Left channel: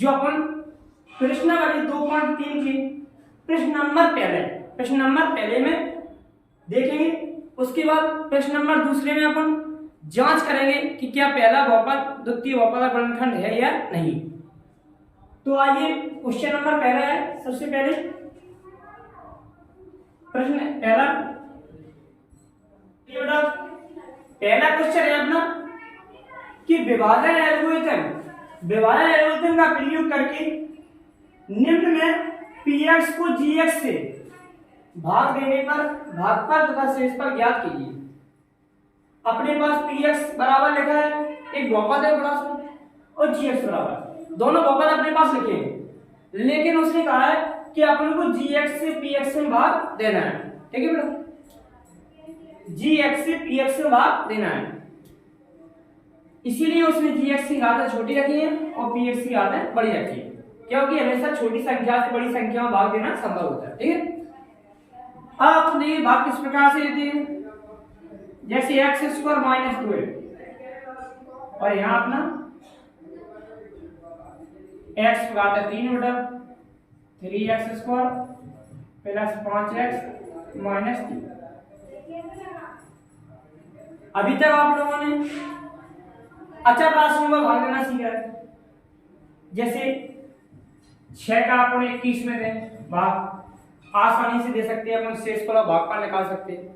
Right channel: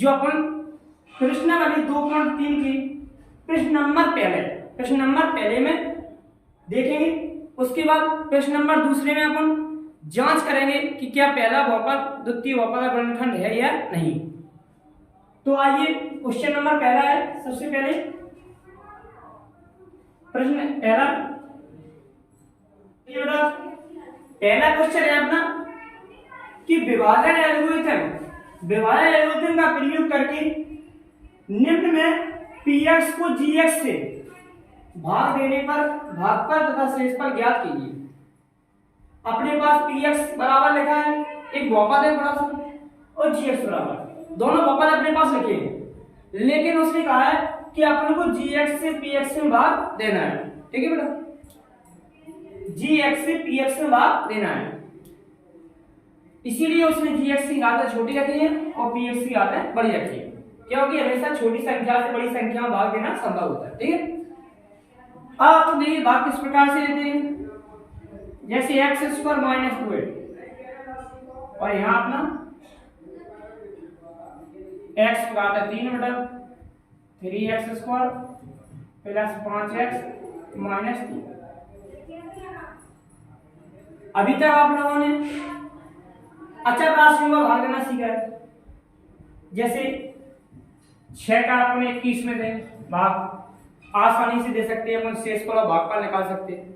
जो अपन प्रश्न नंबर 2.3 की प्रश्न नंबर पहले में देखेंगे। उसके बाद प्रश्न नंबर दूसरे में अपन जांच करेंगे कि क्या पहला बहुपद द्वितीय बहुपद का गुणनखंड है या नहीं। तो आइए क्वेश्चन नंबर पहला है। सबसे पहले प्रश्न पहला क्वेश्चन है अपना कि विभाजन एल्गोरिथम का प्रयोग करके निम्न में px को gx से भाग देने पर भागफल तथा शेषफल ज्ञात कीजिए। अपने पास px बराबर लिखा है, एक बहुपद है बड़ा सा, और gx बराबर, दोनों बहुपद अपने पास लिखे हैं, लेकिन उसने कहा है कि अपन को gx से px में भाग देना है। ठीक है बेटा, gx से px में भाग देना है, इसीलिए उसने gx की घात छोटी रखी है और px की घात बड़ी रखी है, क्योंकि हमेशा छोटी संख्या से बड़ी संख्या में भाग देना संभव होता है। ठीक है, अब तो देखिए भाग किस प्रकार से देते हैं, जैसे x स्क्वायर माइनस 2 और यहाँ अपना x घात 3 बटा 3x square plus 5x minus 3। अभी तक आप लोगों ने अचर राशियों में भाग देना सीखा है। जैसे 6 का अपन 21 में दें भाग, आसानी से दे सकते हैं अपन, शेषफल और भागफल निकाल सकते हैं।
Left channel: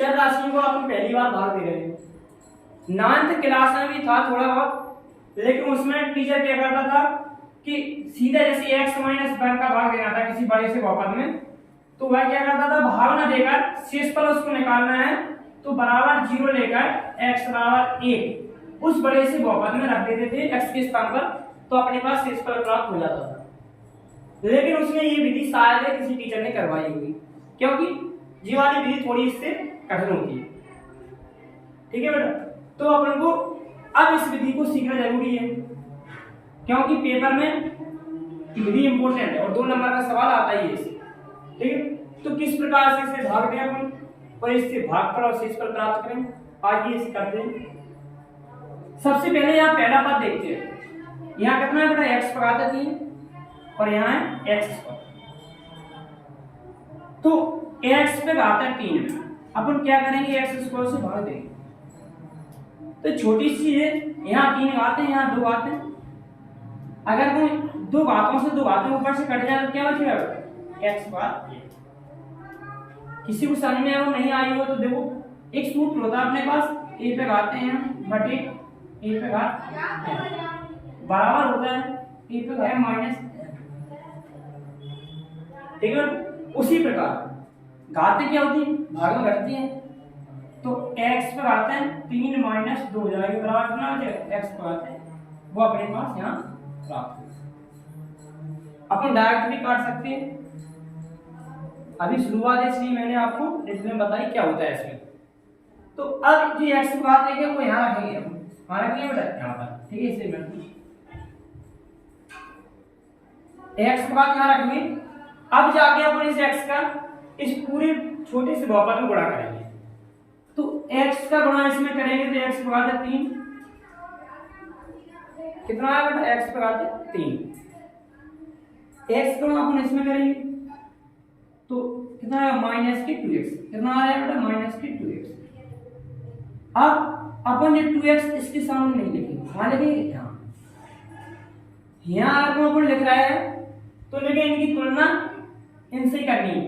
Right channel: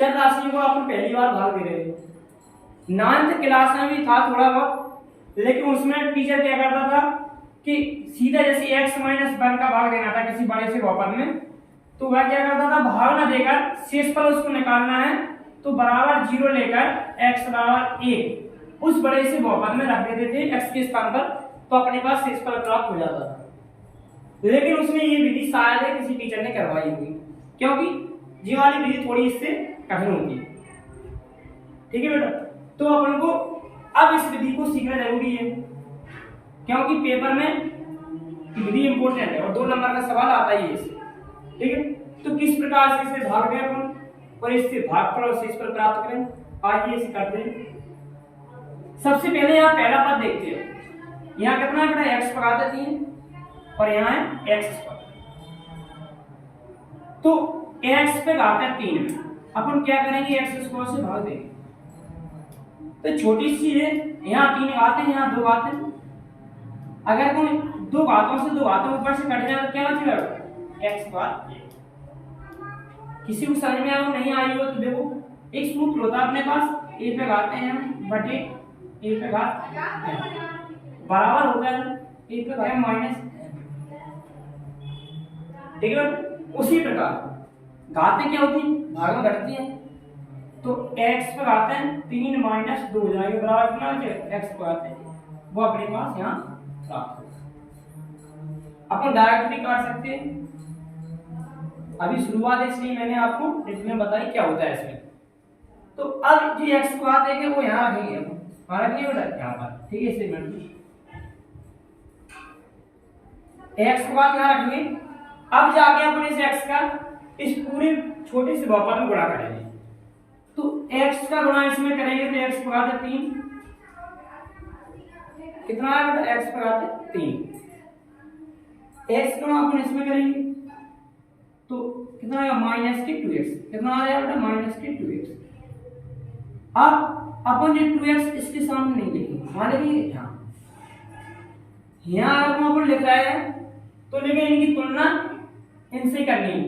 चर राशियों को अपन पहली बार भाग दे रहे हैं। 9th क्लास में भी था थोड़ा बहुत, लेकिन उसमें टीचर क्या करता था कि सीधा जैसे x माइनस 1 का भाग देना था किसी बड़े से बहुपद में, तो वह क्या करता था, भाग ना देकर शेषफल उसको निकालना है तो बराबर 0 लेकर x बराबर 1 उस बड़े से बहुपद में रख देते थे x के स्थान पर, तो अपने पास शेषफल प्राप्त हो जाता था। लेकिन उसने ये विधि शायद है किसी टीचर ने करवाई होगी, क्योंकि ये वाली विधि थोड़ी इससे कठिन होती है। ठीक है बेटा, तो अपन को अब इस विधि को सीखना जरूरी है, क्योंकि पेपर में विधि इंपॉर्टेंट है और 2 नंबर का सवाल आता ही है इससे। ठीक है, तो किस प्रकार से इसे भाग दें अपन और इससे भागफल और शेषफल प्राप्त करें, आइए इसे करते हैं। सबसे पहले यहाँ पहला पद देखते हैं। यहाँ कितना है बेटा, x घात 3 और यहाँ है x स्क्वायर, तो x पे घात 3 अपन क्या करेंगे, x स्क्वायर से भाग देंगे। तो छोटी सी है, यहाँ 3 घात है, यहाँ 2 घात है। अगर कोई 2 घातों से 2 घातों ऊपर से कट जाए तो क्या बचेगा, x बार। किसी को समझ में आया नहीं आई हो तो देखो, एक सूत्र होता है अपने पास, a पे घात है बटे a पे घात बराबर होता है a पे घात माइनस। ठीक है, उसी प्रकार घातें क्या होती है, भाग में घटती है, तो x पर घात है 3 माइनस 2 हो जाएगी, बराबर कितना बचेगा, x पर घात है वो अपने पास यहाँ प्राप्त हो। अपन डायरेक्ट भी काट सकते हैं, अभी शुरुआत इसलिए मैंने आपको डिटेल में बताई क्या होता है इसमें। तो अब जो x पर घात है वो यहाँ रखेंगे, यहाँ रखेंगे बेटा यहाँ पर। ठीक है, इसे x पर घात यहाँ रखेंगे। अब जाके अपन इस x का इस पूरे छोटे से बहुपद में गुणा करेंगे, तो x का गुणा इसमें करेंगे तो x पर घात 3 कितना है बेटा, x पर घात 3। x का गुणा अपन इसमें करेंगे तो कितना है, माइनस के 2x। कितना आया बेटा, माइनस के 2x। अब अपन ये 2x इसके सामने नहीं लिखेंगे, कहाँ लिखेंगे, यहाँ अगर अपन लिख रहे हैं तो लेकिन इनकी तुलना इनसे ही करनी है,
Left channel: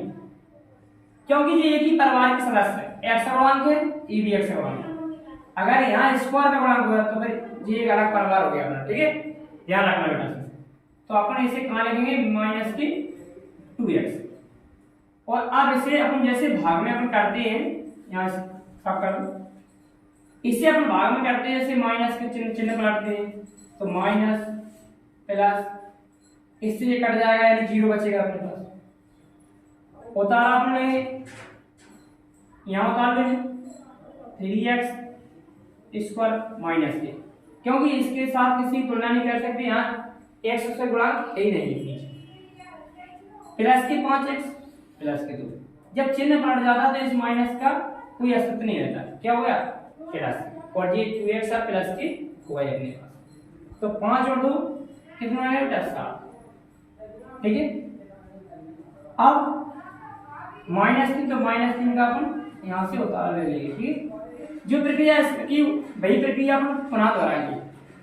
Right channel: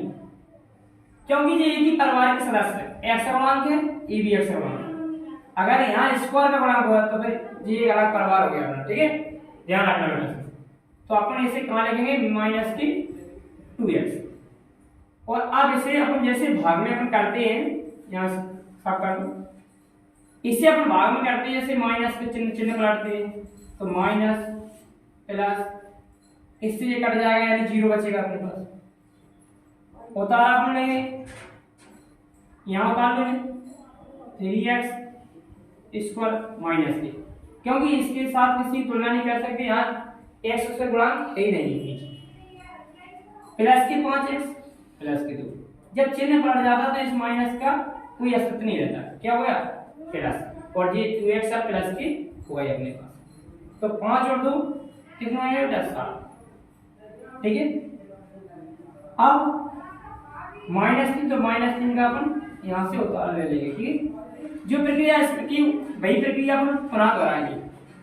क्योंकि ये एक ही परिवार के सदस्य है, x का गुणांक है, ये भी x का गुणांक है। अगर यहाँ स्क्वायर का गुणांक हुआ तो फिर ये एक अलग परिवार हो गया। ठीक है, ध्यान रखना बेटा। तो अपन इसे कहाँ लिखेंगे, माइनस की 2x। और अब इसे अपन जैसे भाग में अपन करते हैं, यहाँ सब कर दो, इसे अपन भाग में करते हैं जैसे माइनस के चिन्ह पलटते हैं, तो माइनस प्लस, इससे ये कट जाएगा यानी 0 बचेगा अपने पास। उतारा अपने यहाँ उतार देंगे 3x स्क्वायर माइनस के, क्योंकि इसके साथ किसी तुलना नहीं कर सकते, यहाँ x उसका गुणांक है ही नहीं, प्लस के 5x प्लस के 2। जब चिन्ह पलट जाता तो इस माइनस का कोई अस्तित्व नहीं रहता, क्या हो गया, प्लस, और ये 2x प्लस के हो गए अपने पास। तो 5 और 2 कितना है बेटा 7। ठीक है, अब -3 तो -3 का अपन यहाँ से उतार ले लेंगे। ठीक है, जो प्रक्रिया की वही प्रक्रिया अपन पुनः दोहराएंगे।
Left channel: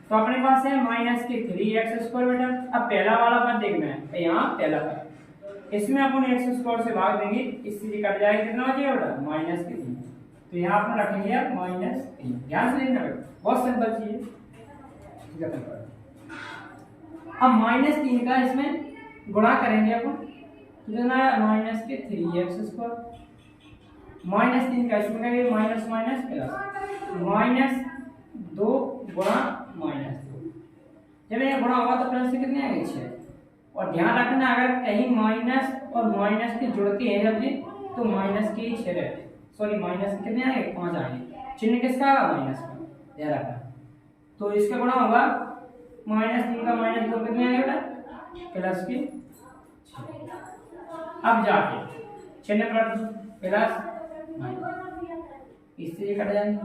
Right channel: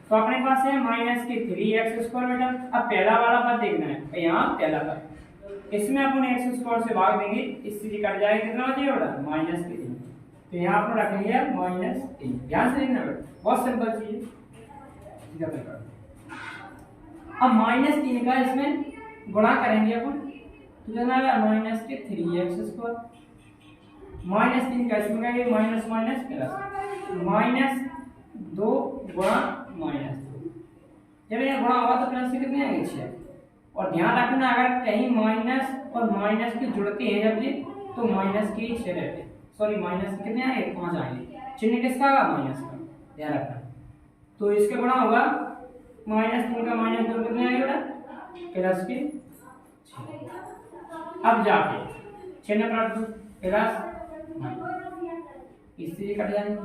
तो अपने पास है -3x² बेटा। अब पहला वाला पद देखना है, यहाँ पहला पद, इसमें अपन x² से भाग देंगे, इससे ये कट जाएगा, कितना बचेगा बेटा -3। तो यहाँ अपन रखेंगे -3। ध्यान से देखना बेटा, बहुत सिंपल चीज है। अब -3 का इसमें गुणा करेंगे अपन, तो कितना है -3x²। -3 का इसमें करेंगे माइनस माइनस प्लस, -2 गुणा -2। जब ये गुणा होगा तो प्लस से कितने आएंगे 6। और ध्यान रखना अगर कहीं माइनस और माइनस के जुड़ते हैं जब ये, तो माइनस के 6 रहते, सॉरी माइनस के कितने आएंगे 5 आएंगे। चिन्ह किसका आएगा माइनस का, ध्यान रखना। तो इसका गुणा होगा -3 का -2 कितने आएंगे बेटा प्लस के 6। अब जाके चिन्ह पलट दो, प्लस इससे ये कट जाएंगे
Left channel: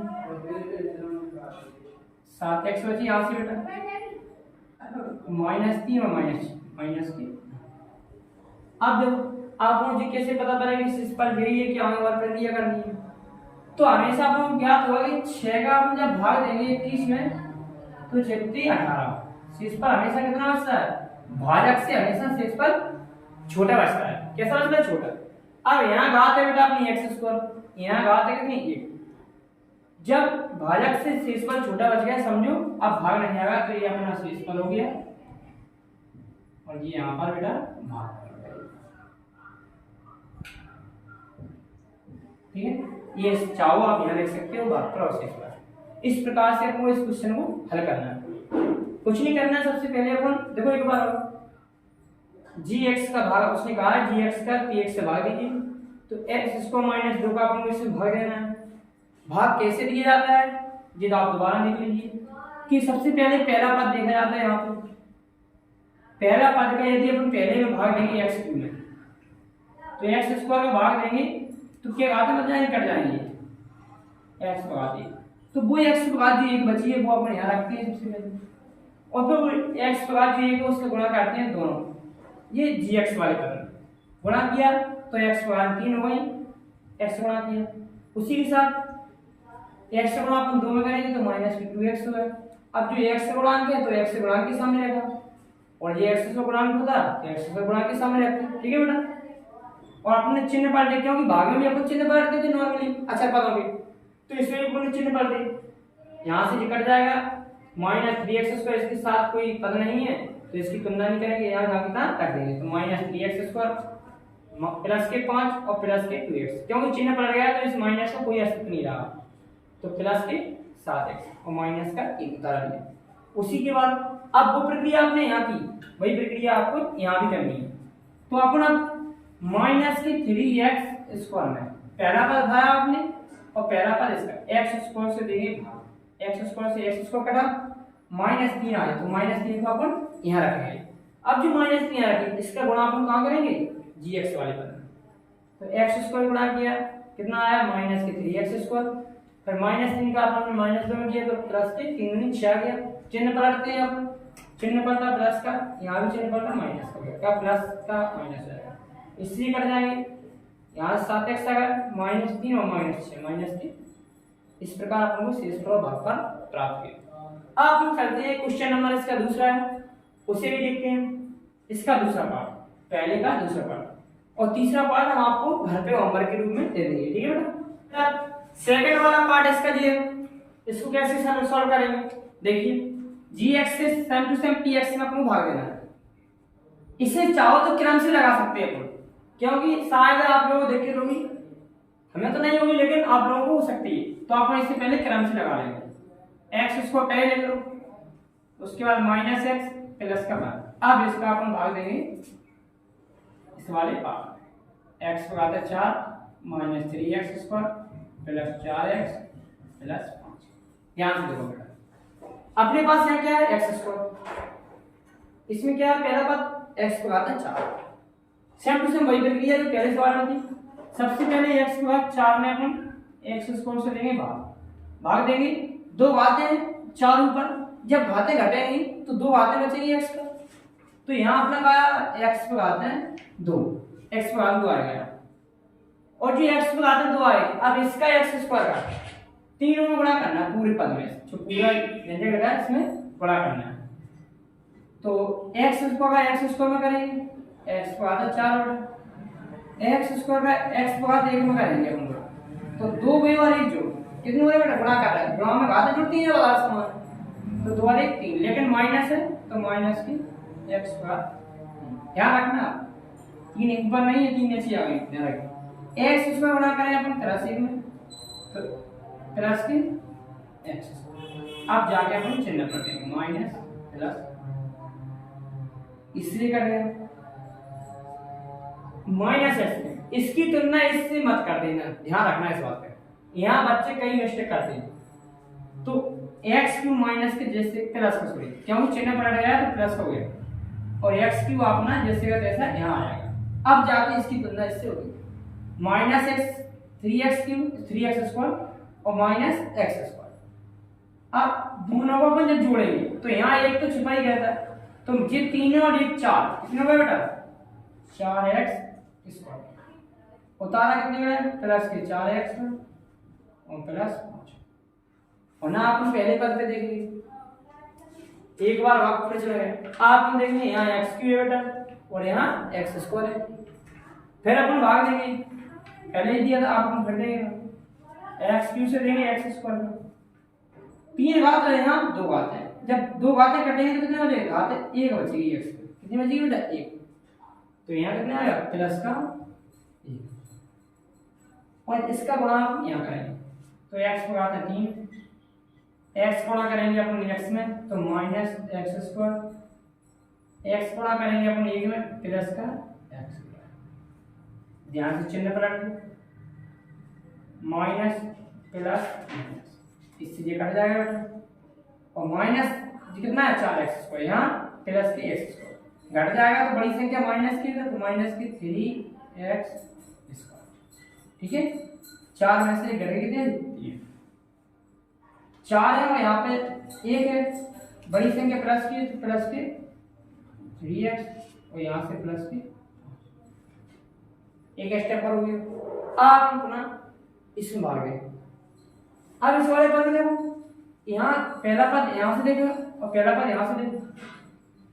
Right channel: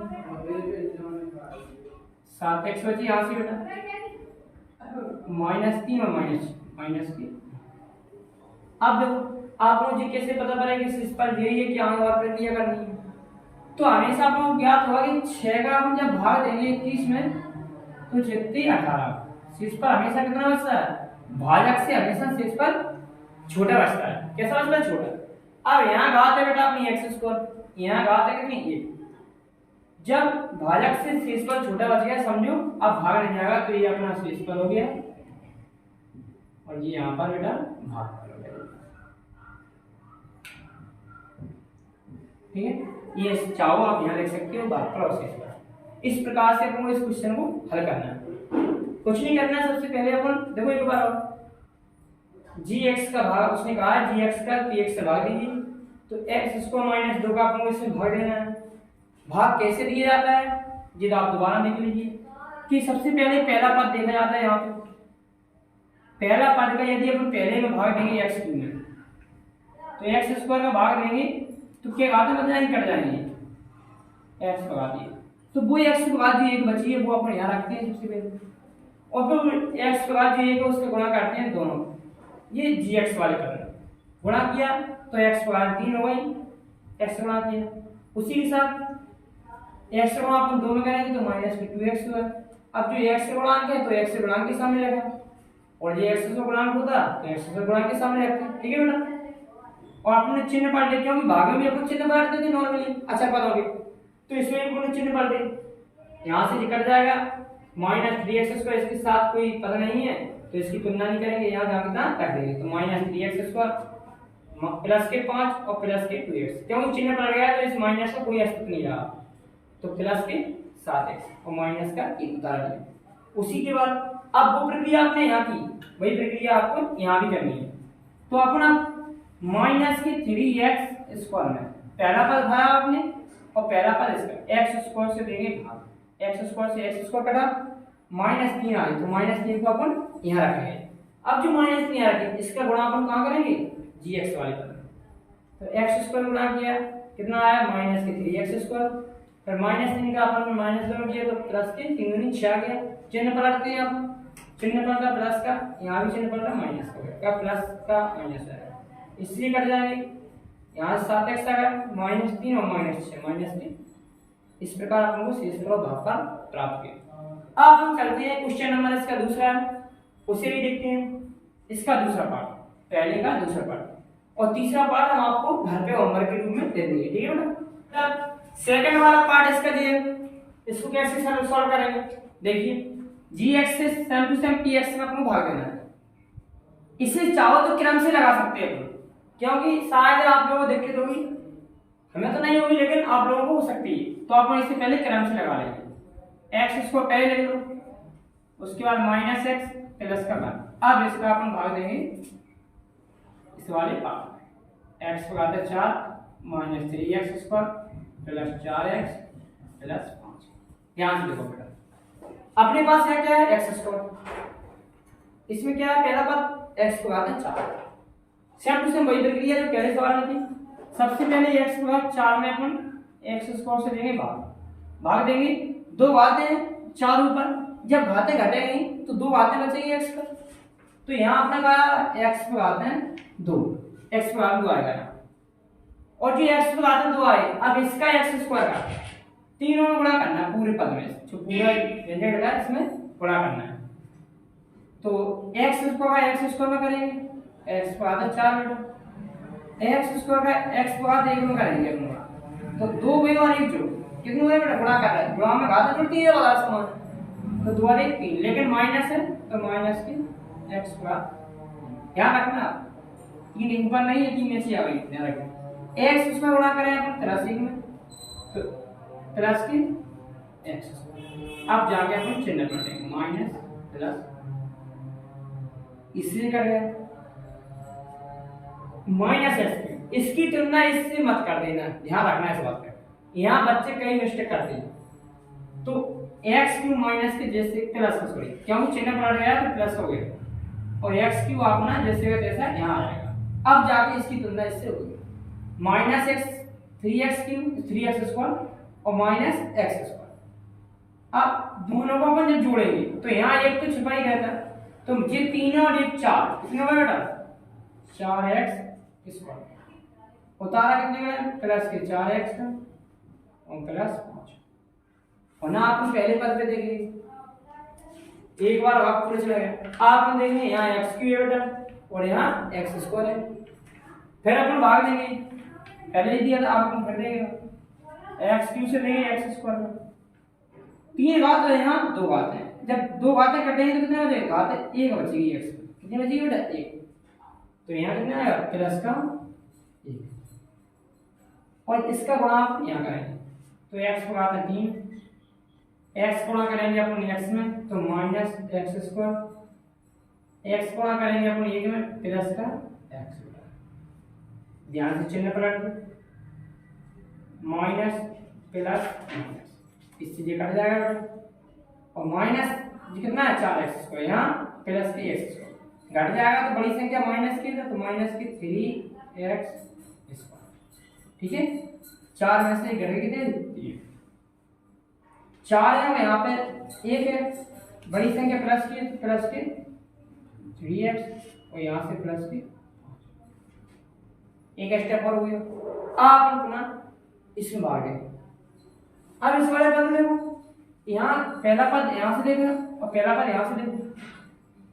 7x बची यहाँ से बेटा, -3 और -3। अब देखो आप लोग जी कैसे पता करेंगे इस पर यही है कि आगे और प्रक्रिया करनी है। तो हमेशा आप लोग ज्ञात होगा कि 6 का हम जब भाग देंगे 30 में तो 6 18। शीर्ष पर हमेशा कितना बचता है, भाजक से हमेशा शीर्ष पर छोटा बचता है। कैसा बचता है छोटा। अब यहाँ घात है बेटा अपनी x², यहाँ घात है कितनी 1। जब भाजक से शीर्ष पर छोटा बच गया समझो, अब भाग नहीं आएगा, तो ये अपना शीर्ष पर हो गया और ये यहाँ पर बेटा भाग कर हो गया। ठीक है, ये चाहो आप यहाँ लिख सकते हो भाग पर और शीर्ष पर। इस प्रकार से आपको इस क्वेश्चन को हल करना है, कुछ नहीं करना है। सबसे पहले अपन देखो एक बार gx का भाग उसने कहा है gx का px से भाग दीजिए, तो x इसको -2 का अपन इसमें भाग देना है। भाग कैसे दिया जाता है ये तो आप दोबारा देख लीजिए कि सबसे पहले पहला पद देखा जाता है। यहाँ पे पहला पद का यदि अपन पहले में भाग देंगे x³ में, तो x² का भाग देंगे तो क्या घात बच जाएंगे, कट जाएंगे x का घात। तो वो x का घात जो एक बची है वो अपन यहाँ रखते हैं सबसे पहले, और फिर x का घात जो एक उसका गुणा करते हैं दोनों। ये gx वाले पर गुणा किया तो x का घात 3 हो गई, x गुणा किया। उसी के साथ x गुणा अपन दोनों करेंगे तो -2x होगा। अब जो x से गुणांक है तो x से गुणांक के सामने रखा, और ये x से गुणांक होता तो x से गुणांक के सामने रखते। ठीक है बेटा, और अपने चिन्ह पलट दे, क्योंकि भागे में अपन चिन्ह पलट देते नॉर्मली अच्छा पदों के, तो इसमें अपन चिन्ह पलट दे। यहाँ से कट जाएगा -3x² इसके साथ कोई पद नहीं है तो इसकी तुलना नहीं करेंगे, यहाँ जहाँ कितना रख देंगे। तो -3x² प्लस के 5 और प्लस के 2x, क्योंकि चिन्ह पलट गया तो इस माइनस का कोई अस्तित्व नहीं रहा, तो प्लस के 7x और माइनस का 1 उतार दिया। उसी के बाद अब वो प्रक्रिया आपने यहाँ की वही प्रक्रिया आपको यहाँ भी करनी है। तो अपना -3x² में पहला पद भरा आपने और पहला पद इसका x² से देंगे भाग, x² से x² कटा -3 आ जाए तो -3 को अपन यहाँ रखेंगे। अब जो -3 यहाँ रखेंगे इसका गुणा अपन कहाँ करेंगे gx वाले पद में, तो x² गुणा किया कितना आया -3x², फिर -3 का अपन -2 में किया तो प्लस के 3 गुनी 6 आ गया। चिन्ह पलटते हैं अब, चिन्ह पलटा प्लस का, यहाँ भी चिन्ह पलटा माइनस का, क्या प्लस का माइनस आएगा, इसलिए कट जाएंगे। यहाँ 7x आ गया -3 और -6 -3। इस प्रकार अपन को शेष भागफल प्राप्त किया। अब हम करते हैं क्वेश्चन नंबर इसका दूसरा है, उसे भी देखते हैं। इसका दूसरा पार्ट, पहले का दूसरा पार्ट और तीसरा पार्ट हम आपको घर पे होमवर्क के रूप में दे देंगे। ठीक है बेटा, सेकंड वाला पार्ट इसका ये, इसको कैसे सॉल्व करेंगे देखिए। gx से सेम टू सेम px में आपको भाग देना है। इसे चाहो तो क्रम से लगा सकते हैं अपन, क्योंकि शायद आप लोगों को दिक्कत होगी, हमें तो नहीं होगी लेकिन आप लोगों को हो सकती है, तो आप इससे पहले क्रम से लगा लेंगे। x इसको पहले ले लो, उसके बाद -x प्लस का मान। अब इसका अपन भाग देंगे इस वाले पार्ट में, x को आता है 4 -3x² प्लस 4x प्लस 5। ध्यान से देखो बेटा, अपने पास है क्या है x², इसमें क्या है पहला पद x को आता है 4। सेम टू सेम वही प्रक्रिया जो पहले सवाल में थी। सबसे पहले x को 4 में अपन x² से देंगे भाग देंगे, दो घातें 4 ऊपर, जब घातें घटेंगी तो दो घातें बचेगी x पर, तो यहाँ आपने कहा x पे आते हैं 2, x पे आते 2 आएगा यहाँ, और जो x पे आते हैं 2 आए, अब इसका x स्क्वायर का तीनों में गुणा करना है पूरे पद में, जो पूरा व्यंजक लगा है इसमें गुणा करना है। तो x स्क्वायर का x स्क्वायर में करेंगे, x पे आता है 4 बटा x स्क्वायर का x पे आता है 1 में करेंगे हम गुणा, तो 2 भी और 1 जो कितने हुए बेटा गुणा कर रहा है, गुणा में घात जुड़ती है वाला समान, तो 2 और 1 3, लेकिन माइनस है तो माइनस की x स्क्वायर, ध्यान रखना 3 ऊपर नहीं है, 3 नीचे आ गई, ध्यान रखना। x स्क्वायर गुणा करें अपन प्लस 1 में, तो प्लस की x स्क्वायर, अब जाके अपन चिन्ह पलटेंगे माइनस प्लस, इसलिए कट गया माइनस x, इसकी तुलना इससे मत कर देना, ध्यान रखना इस बात पे, यहाँ बच्चे कई मिस्टेक करते हैं। तो एक्स क्यू माइनस के जैसे प्लस का, सॉरी क्यों चिन्ह पलट गया तो प्लस हो गया, और एक्स क्यू अपना जैसे का तैसा यहाँ आएगा। अब जाके इसकी तुलना इससे होगी minus x 3x Q 3x square और माइनस एक्स स्क्वायर। अब दोनों को अपन जब जोड़ेंगे तो यहाँ एक तो छिपा ही रहता है, तो ये 3 और 1 4, कितने हुआ बेटा 4x स्क्वायर, उतारा कितने में प्लस के 4x और प्लस 5, और ना आप पहले पद पे देखिए एक बार भाग पूरे चला गया, आप देखेंगे यहाँ एक्स क्यू है बेटा और यहाँ एक्स स्क्वायर है, फिर अपन भाग देंगे, पहले ही दिया था आप घट देगा एक्स क्यू से देंगे एक्स स्क्वायर में, 3 घात है यहाँ 2 घात है, जब 2 घातें कटेंगे तो कितने हो जाएगा घात 1 बचेगी एक्स, कितनी बचेगी बेटा 1, तो यहाँ कितना आएगा प्लस का 1, और इसका गुणा आप यहाँ करेंगे तो x को आता है 3, x गुणा करेंगे अपन x में तो माइनस एक्स स्क्वायर, x गुणा करेंगे अपन 1 में प्लस का x स्क्वायर, ध्यान से चिन्ह पलट दो माइनस प्लस माइनस, इससे ये कट जाएगा बेटा, और माइनस कितना है 4x स्क्वायर, यहाँ प्लस की x स्क्वायर घट जाएगा तो बड़ी संख्या माइनस की है तो माइनस की 3x स्क्वायर, ठीक है 4 में से घट कितने 4 है और यहाँ पे 1 है, बड़ी संख्या प्लस की तो प्लस के 3x और यहाँ से प्लस के एक स्टेप और हो गया। आप पुनः इसमें भाग गए, अब इस वाले पद देखो, यहाँ पहला पद यहाँ से देखो और पहला पद यहाँ से देखो,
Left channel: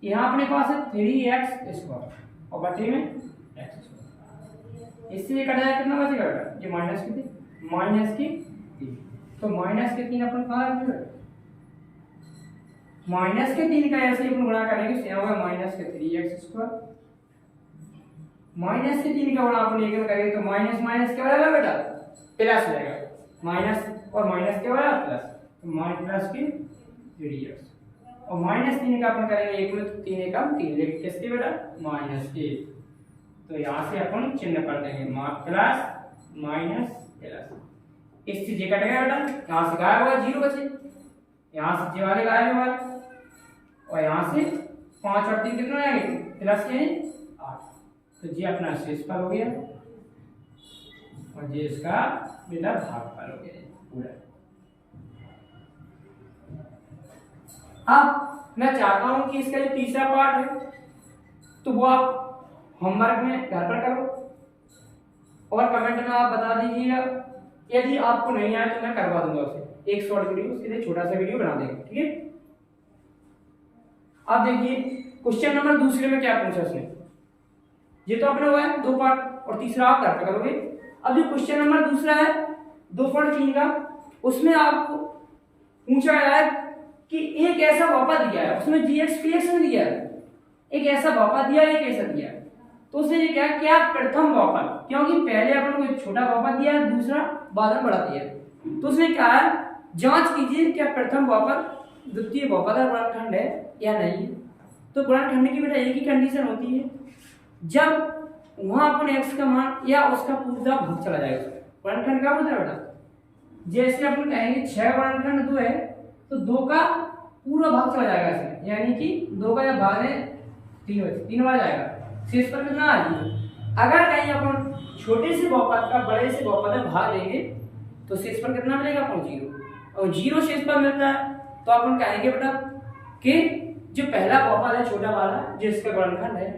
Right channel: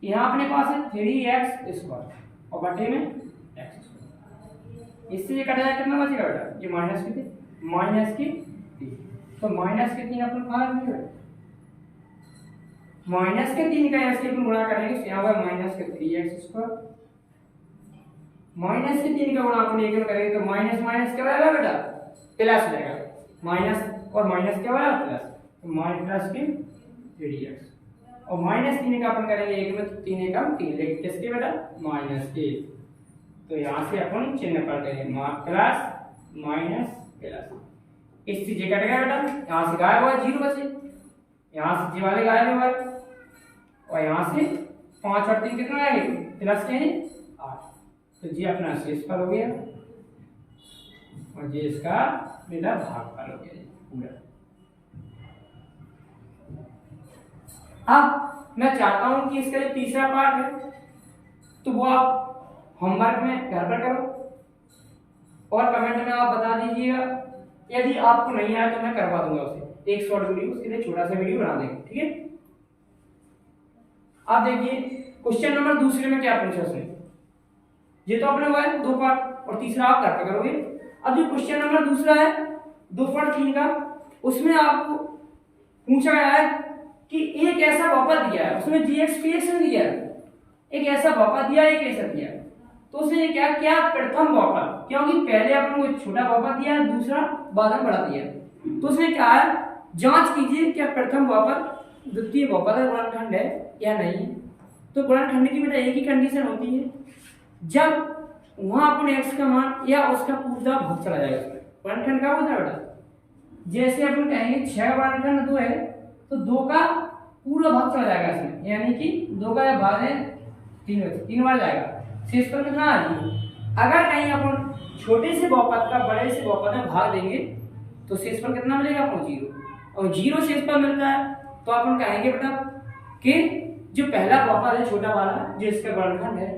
यहाँ अपने पास है 3x स्क्वायर और बटे में x स्क्वायर, इससे ये कट जाए कितना बचेगा बेटा, ये माइनस के थे माइनस की 3, तो माइनस के 3 अपन कहाँ रखेंगे, माइनस के 3 का ऐसे अपन गुणा करेंगे, यहाँ होगा माइनस के 3x स्क्वायर, माइनस के 3 का गुणा अपन एक में करेंगे तो माइनस माइनस क्या बनेगा बेटा प्लस हो जाएगा, माइनस और माइनस क्या बनेगा प्लस, तो माइनस की 3x और माइनस 3 का अपन करेंगे एक में तो 3 का 3, लेकिन किसके बेटा माइनस के, तो यहाँ से अपन चिन्ह पलटेंगे प्लस माइनस प्लस, इस चीज कट गया बेटा, यहाँ से गायब हुआ 0 बचे, यहाँ से ये वाले गायब हुआ और यहाँ से 5 और 3 कितना आएंगे प्लस के 8, तो ये अपना शेषफल हो गया और ये इसका बेटा भागफल हो गया पूरा। अब मैं चाहता हूं कि इसका जो तीसरा पार्ट है तो वो आप होमवर्क में घर पर करो और कमेंट में आप बता दीजिएगा, यदि आपको नहीं आया तो मैं करवा दूंगा उसे एक शॉर्ट वीडियो, उसके लिए छोटा सा वीडियो बना देंगे, ठीक है। अब देखिए क्वेश्चन नंबर दूसरे में क्या पूछा उसने, ये तो अपना हुआ है 2 पार्ट और तीसरा आप घर पर करोगे। अब जो क्वेश्चन नंबर दूसरा है 2.3 का, उसमें आपको पूछा गया है कि एक ऐसा बहुपद दिया है, उसमें gx px में दिया है, एक ऐसा बहुपद दिया एक ऐसा दिया, तो उसने क्या क्या प्रथम बहुपद, क्योंकि पहले अपन को एक छोटा बहुपद दिया है दूसरा बाद में बड़ा दिया, तो उसने कहा है जांच कीजिए क्या प्रथम बहुपद द्वितीय बहुपद है गुणनखंड है या नहीं। तो गुणनखंड की बेटा एक ही कंडीशन होती है, जब वहां अपन x का मान या उसका पूरा भाग चला जाएगा उसमें, गुणनखंड का होता है बेटा, जैसे अपन कहेंगे 6 गुणनखंड 2 है तो 2 का पूरा भाग चला जाएगा इसमें, यानी कि 2 का भाग है 3 बार जाएगा, शेष पर कितना आ जाएगा। अगर कहीं अपन छोटे से बहुपद का बड़े से बहुपद में भाग देंगे तो शेष पर कितना मिलेगा अपन 0, और 0 शेष पर मिल रहा है तो अपन कहेंगे बेटा कि जो पहला बहुपद है छोटा वाला जो इसका वर्णखंड है,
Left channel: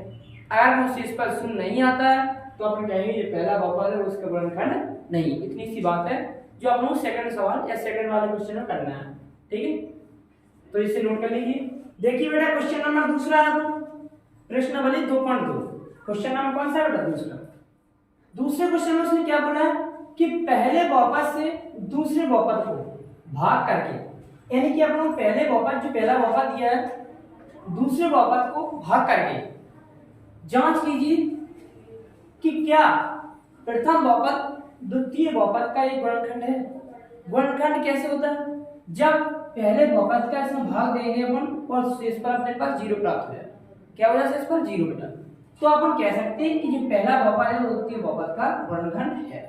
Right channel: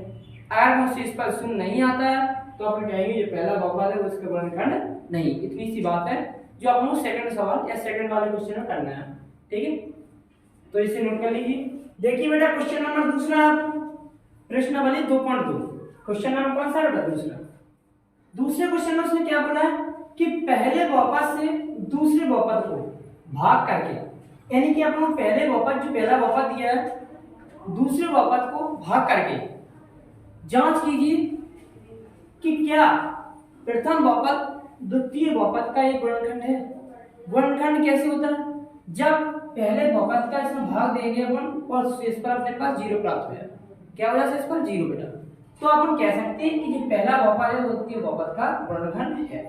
अगर वो शेष पर शून्य नहीं आता है तो अपन कहेंगे जो पहला बहुपद है वो इसका वर्णखंड नहीं। इतनी सी बात है जो अपन को सेकंड सवाल या सेकंड वाले क्वेश्चन में करना है। ठीक है, तो इसे नोट कर लीजिए। देखिए बेटा क्वेश्चन नंबर दूसरा, प्रश्नावली 2.2। क्वेश्चन नंबर कौन सा है बेटा? दूसरा। दूसरे क्वेश्चन में उसने क्या बोला है कि पहले बहुपद से दूसरे बहुपद को भाग करके, यानी कि अपन पहले बहुपद जो पहला बहुपद दिया है दूसरे बहुपद को भाग करके जांच कीजिए कि क्या प्रथम बहुपद द्वितीय बहुपद का एक वर्णखंड है। वर्णखंड कैसे होता है? जब पहले बहुपद का इसमें भाग देंगे अपन और शेषफल अपने पास 0 प्राप्त हो जाए। क्या हो जाए? शेषफल 0 बेटा। तो अपन कह सकते हैं कि जो पहला बहुपद है वो द्वितीय बहुपद का वर्णखंड है।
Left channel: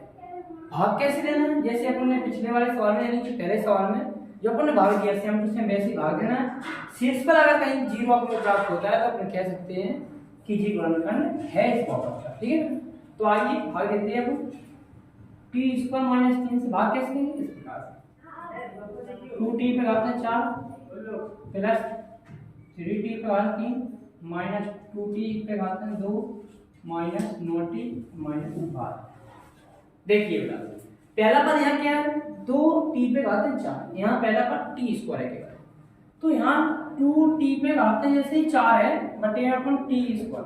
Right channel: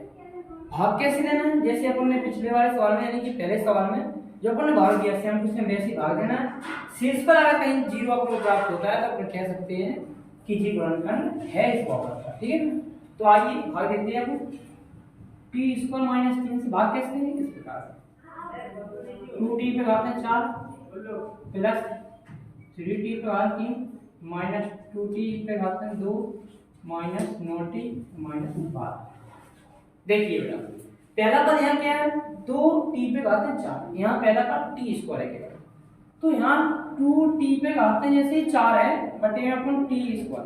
भाग कैसे देना है? जैसे अपन ने पिछले वाले सवाल में यानी कि पहले सवाल में जो अपन ने भाग दिया सेम टू सेम वैसे ही भाग देना है। शेषफल अगर कहीं 0 आपको प्राप्त होता है तो अपन कह सकते हैं कि जी वर्णखंड है इस बहुपद का। ठीक है, तो आइए भाग देते हैं अपन। t² - 3 से भाग कैसे देंगे? इस प्रकार से 2t पे घात 4 प्लस 3t पे घात 3 माइनस 2t पे घात 2 माइनस 9t माइनस 12। देखिए बेटा पहला पद यहाँ क्या है? 2t पे घात 4, यहाँ पहला पद t² है केवल, तो यहाँ 2t पे घात जैसे 4 है बटे अपन t²।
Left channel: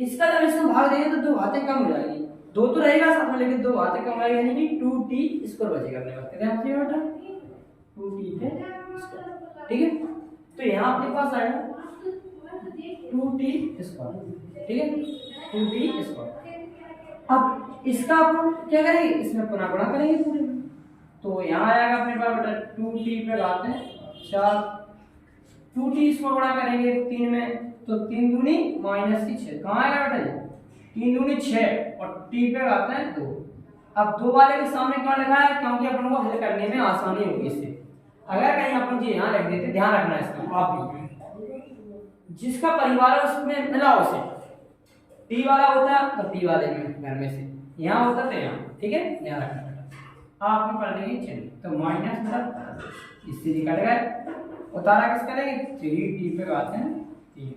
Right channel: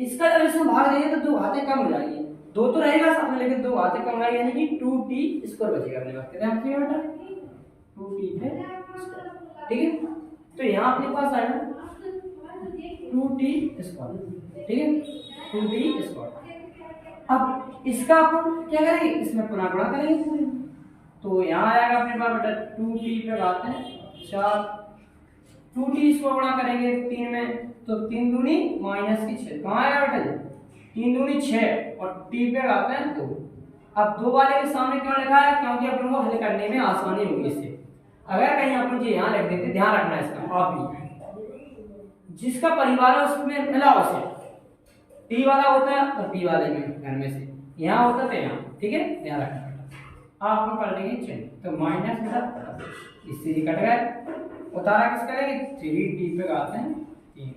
इसका जब इसमें भाग देंगे तो 2 घातें कम हो जाएगी, 2 तो रहेगा साथ में लेकिन 2 घातें कम आएगी यानी कि 2t² बचेगा अपने पास। कितना बचेगा बेटा? 2t²। ठीक है, तो यहाँ अपने पास आएगा 2t²। ठीक है, 2t²। अब इसका अपन क्या करेंगे? इसमें पुनः गुणा करेंगे पूरे, तो यहाँ आएगा अपने पास बेटा 2t पे घात 4, 2t इसको गुणा करेंगे 3 में तो 3 दूनी -6। कहाँ आएगा बेटा? 3 दूनी 6 और t पे घात 2। अब 2 वाले के सामने क्यों लिखा है? क्योंकि अपन को हल करने में आसानी होगी इससे। अगर कहीं अपन जी यहाँ लिख देते, ध्यान रखना इसका आप भी, जिसका परिवार है उसमें मिला उसे t वाला होता है तो t वाले में घर में से यहाँ होता तो यहाँ। ठीक है, ध्यान रखना बेटा। आप हम पढ़ लेंगे चलिए, तो माइनस मतलब इससे कट गए, उतारा किस करेंगे? 3t पे घात 3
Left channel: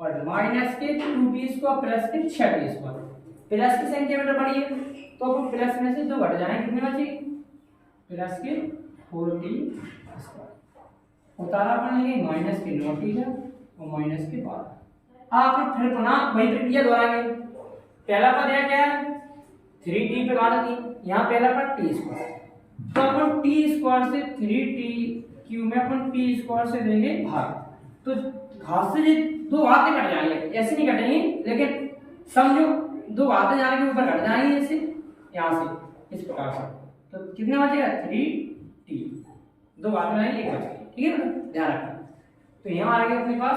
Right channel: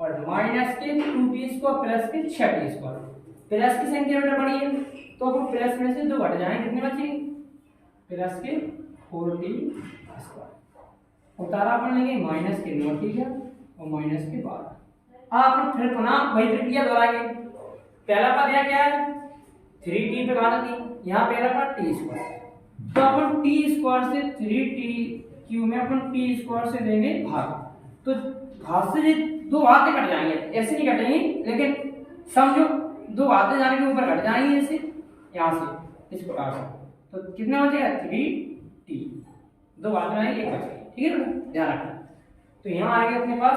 और माइनस के 2t² प्लस के 6t²। प्लस की संख्या बेटा बड़ी है तो अपन प्लस में से 2 घट जाएंगे, कितने बचेंगे? प्लस के 4t²। उतारा अपन लेंगे माइनस के 9t का और माइनस के 12। आप फिर पुनः वही प्रक्रिया दोहराएंगे। पहला पद यहाँ क्या है? 3t पे घात 3, यहाँ पहला पद t², तो अपन t² से 3t³ में अपन t² से देंगे भाग, तो घात से 2 घातें कट जाएंगे, ऐसे नहीं कटेंगे लेकिन समझो 2 घातें जाने के ऊपर कट जाएंगे जैसे यहाँ से इस प्रकार से, तो कितने बचेगा? 3t, 2 घातें जाएंगे 1 बचेगी। ठीक है बेटा, ध्यान रखना। तो यहाँ आएगा अपने पास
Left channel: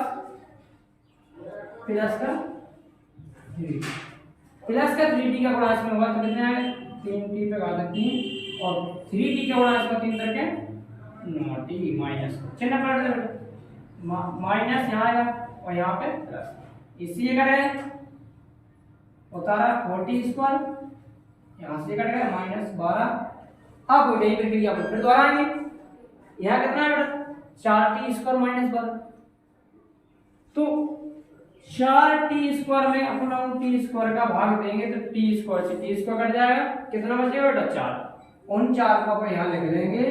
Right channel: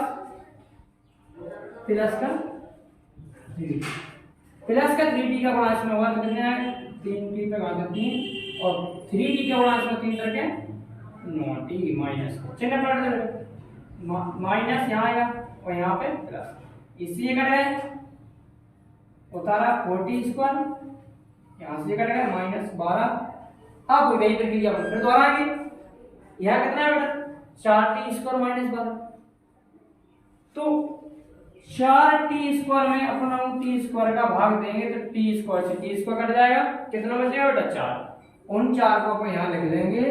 प्लस का 3, प्लस का 3t का गुणा इसमें होगा तो कितने आएगा? 3t पे घात 3 और 3t का गुणा इसमें 3 करके 9t माइनस चिन्ह पलट दे, माइनस यहाँ आएगा और यहाँ पे प्लस, इसलिए कट गए, उतारा 4t², यहाँ से कट गया -12। अब वही प्रक्रिया फिर दोहराएंगे। यहाँ कितना है बेटा? 4t² -12, तो 4t² में अपन t² का भाग देंगे तो t² से t² कट जाएगा, कितना बचेगा बेटा? 4। उन 4 को अपन यहाँ लिख देंगे।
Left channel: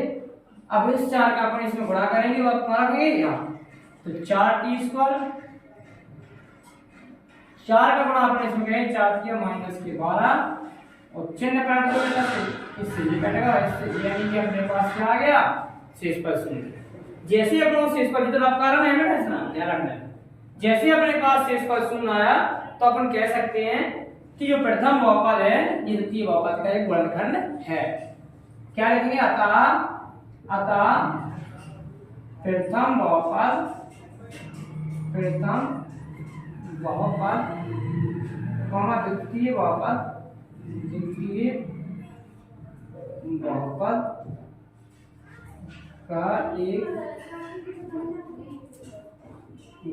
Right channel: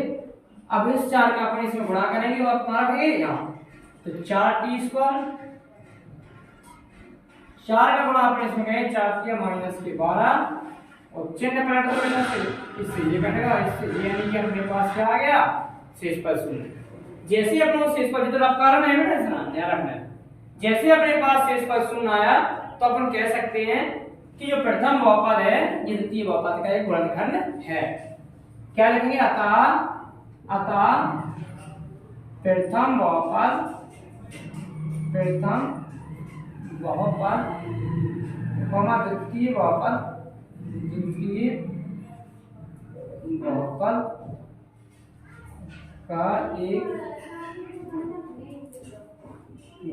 अब इस 4 का अपन इसमें गुणा करेंगे और अपना रखेंगे यहाँ, तो 4t², 4 का गुणा अपन इसमें कहेंगे 4 किया -12 और चिन्ह पलट दो बेटा, इससे ये कटेगा, इससे यानी कि अपने पास क्या आ गया? शेषफल 0। जैसे अपन शेषफल की तरफ कारण है बेटा, इसना ध्यान रखना है, जैसे अपने पास शेषफल 0 आया तो अपन कह सकते हैं कि जो प्रथम बहुपद है ये द्वितीय बहुपद का एक वर्णखंड है। क्या लिखेंगे? अतः प्रथम बहुपद द्वितीय बहुपद का एक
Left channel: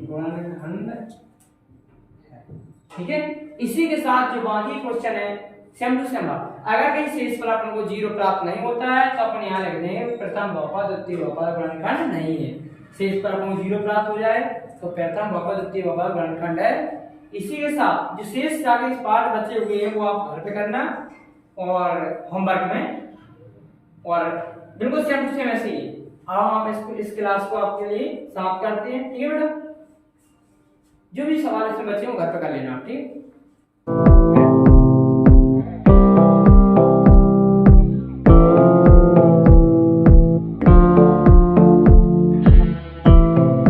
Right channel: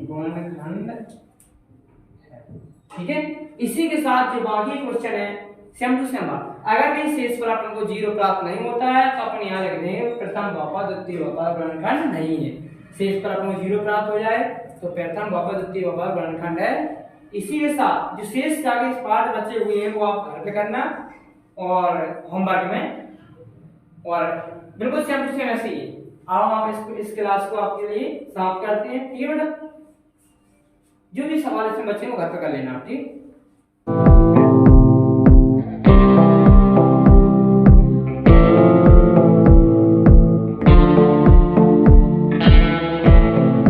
गुणनखंड है। ठीक है, इसी के साथ जो बाकी क्वेश्चन है सेम टू सेम, अगर कहीं शेषफल अपन को 0 प्राप्त नहीं होता है तो अपन यहाँ लिख देंगे प्रथम बहुपद द्वितीय बहुपद गुणनखंड नहीं है। शेषफल अपन को 0 प्राप्त हो जाए तो प्रथम बहुपद द्वितीय बहुपद वर्णखंड है। इसी के साथ जो शेष आगे पाठ बचे हुए हैं वो आप घर पे करना और होमवर्क में, और बिल्कुल सेम टू सेम ऐसे ही। आओ हम इस क्लास को आपके लिए समाप्त करते हैं। ठीक है बेटा, जो भी सवाल इसमें बचे वो घर पे कर लेना, ठीक।